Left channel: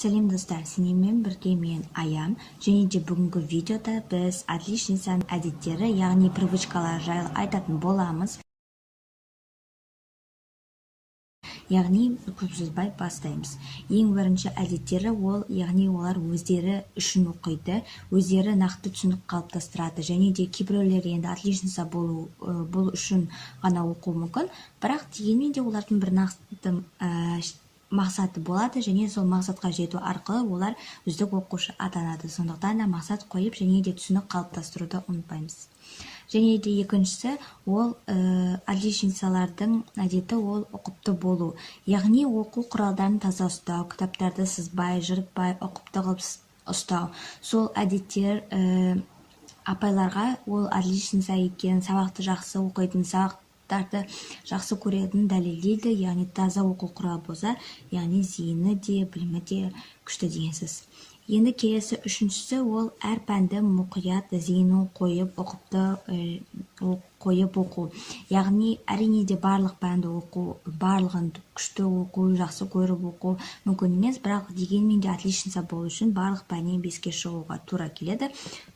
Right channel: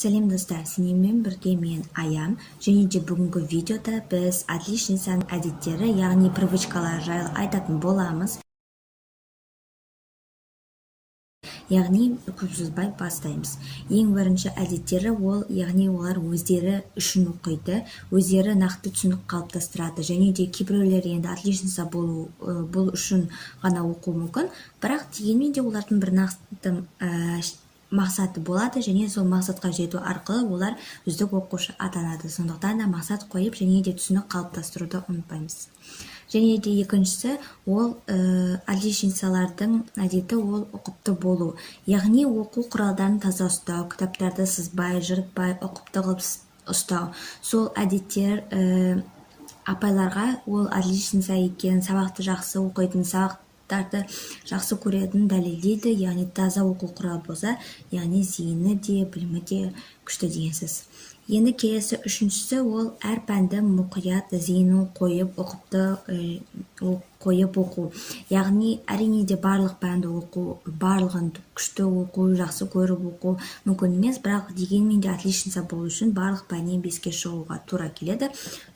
Сәлем достар, сіздермен бірге мен Аям, және де бүгінгі видеода біз отличницаның әдеттері, яғни привычкалар жайлы айтатын боламыз. Яғни көп сөзбай бастаймыз. Ең бірінші әдеттері ол, яғни олар өздері үшін оқиды, өздері нақты түсінік қалыптастырады, және де кейбіреулер енді отличница бұл үшін ғана оқу мүмкін, бірақ дегенмен де олардың бір нақты мақсаты болады, және сол мақсатқа жету арқылы олар үздік оқушы атанады. Сондықтан да мақсат қойып, және де түсінік қалыптастыруды ұмытпаймыз. Және де екіншісі ол отличницалардың әдеті ол ұқыпты болу. Яғни оқу құралдарын таза ұстау, кітаптарды сызбай, жыртпай, ұқыпты қылып ұстау. Сол әдеттер апайларға ол отличница екен, сабақты жақсы оқитын, сабақтарды жақсы көретін дәлелдейді. Яғни таза оқу құралы болса, яғни зейіні де, білімі де күшті деген сөз. Енді келесі үшіншісі ол әр пәнді мұқият зейінін қойып, ұқыпты қойып оқу. Яғни әрине де барлық пәнді оқу, барлығын күшті оқу, жақсы көріп оқу мүмкін емес, бірақ дегенмен де отличница болу үшін барлық пәннен 5-ке шығуға тура келеді.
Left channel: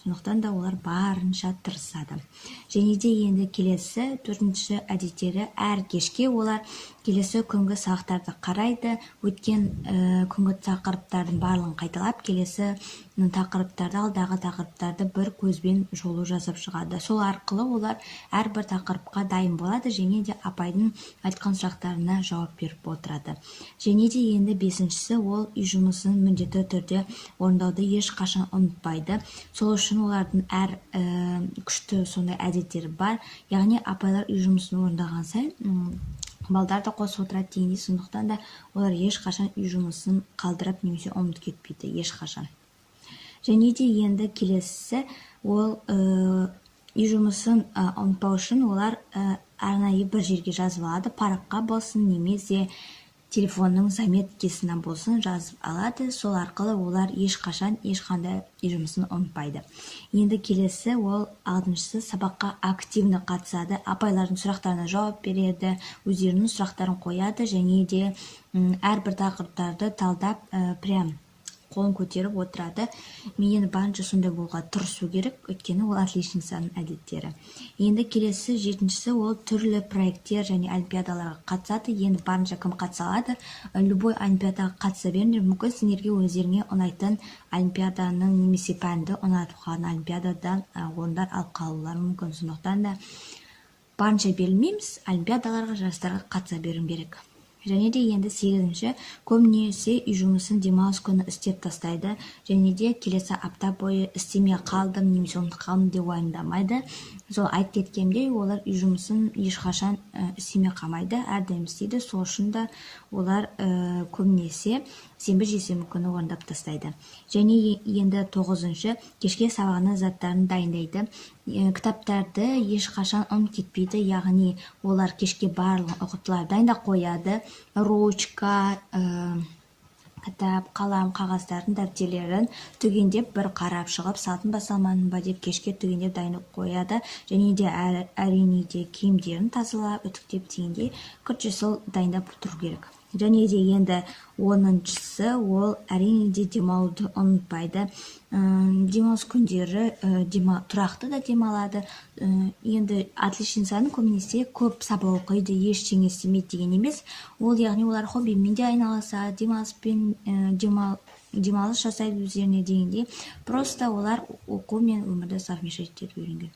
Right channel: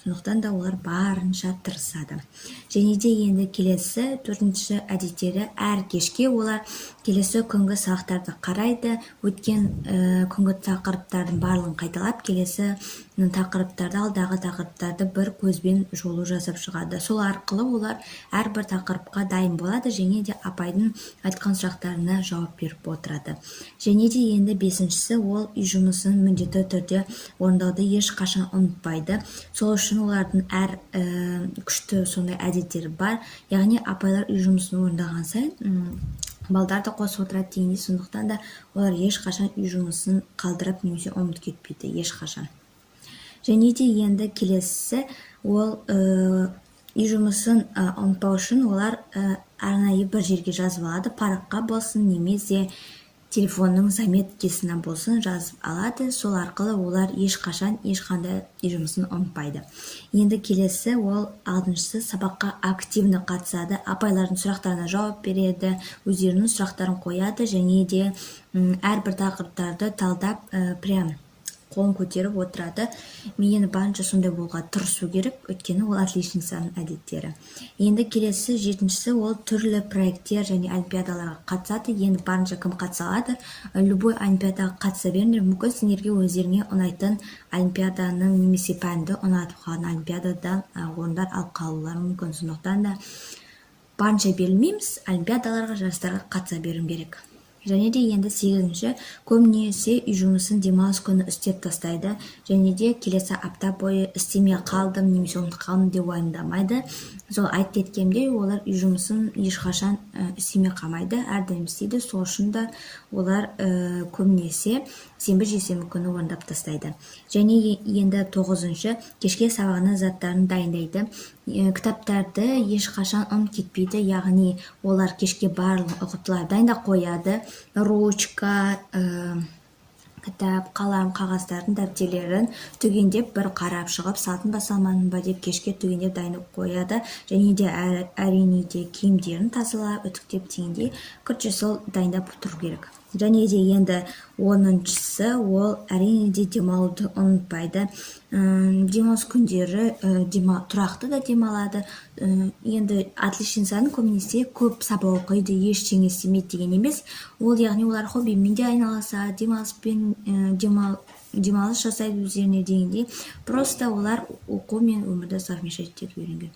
Сондықтан да олар барынша тырысады. Және де енді келесі төртінші әдеттері әр кешке олар келесі күнгі сабақтарды қарайды, өткен күнгі тақырыптардың барлығын қайталап, келесі тақырыптарды, алдағы тақырыптарды бір көзбен жолу жасап шығады. Сол арқылы олар әрбір тақырыпқа дайын болады, және де апайдың айтқан сұрақтарына жауап беріп отырады. Және де енді бесіншісі ол үй жұмысын міндетті түрде орындауды ешқашан ұмытпайды. Сол үшін олардың әр күшті сондай әдеттері бар. Яғни апайлар үй жұмысын орындаған сайын балдар да қосып отырады дегендей, сондықтан да олар ешқашан үй жұмысын қалдырып немесе ұмытып кетпейді, ешқашан. Және де енді келесісі ол үй жұмысын ұмытпау үшін олар арнайы бір жерге жазып алады, параққа болсын немесе телефонның заметкесіне болсын жазып алады. Сол арқылы олар ешқашан ешқандай үй жұмысын ұмытпайды. Енді келесі ол алтыншысы сабаққа активны қатысады, апайлардың сұрақтарына жауап береді, өздерінің сұрақтарын қояды, және де әрбір тақырыптарды талдап прям қолын көтеріп отырады. Мен енді барынша сондай болуға тырысу керек, өйткені ол отличницаның әдеттері. Енді келесі жетіншісі ол түрлі проекттер және олимпиадаларға қатысады. Енді барынша кім қатыса алады? Любой олимпиадаға қатыса беріңдер. Мүмкін сендерге өздеріңе ұнайтын олимпиаданың немесе пәнді ұнатып қалған олимпиададан орындар алып қалулары мүмкін. Сондықтан да барынша берілмейміз, олимпиадаларға, жарыстарға қатыса беру керек. Және де енді сегізінші көбінесе үй жұмысын демалыс күні істеп тастайды, және де келесі апта бойы істемей қалдым немесе ұмытып қалдым деп уайымдамайды. Сол айтып кеткендей, олар үй жұмысын ешқашан істемей қалмайды, әрдайым істейді. Сол үшін де олар көбінесе сенбі жексенбі күні орындап тастайды. Және енді тоғызыншы кешке сабағына заттарын дайындайды. Кітаптарды ешқашан ұмытып кетпейді, яғни олар кешке барлық ұқыптылар дайындап қояды. Ручка, кітап, қалам, қағаздардың дәптерлерін түгендеп бір қарап шығып, сатын ба салмадым ба деп кешке түгендеп дайындап қояды. Және де әрине де киімдерін тазалап, үтіктеп дегендей күртше сол дайындап тұру керек. Және де енді 10-шысы ол әрине де демалуды ұмытпайды. Демалыс күндері тұрақты да демалады. Енді отличницаның көбінесе көп сабақ оқиды, ештеңе істемейді деген емес. Ол яғни олар хоббимен де айналысады, демалыс жасайды өздеріне дегендей. Просто олар оқу мен өмірді совмещать етуге үйренген.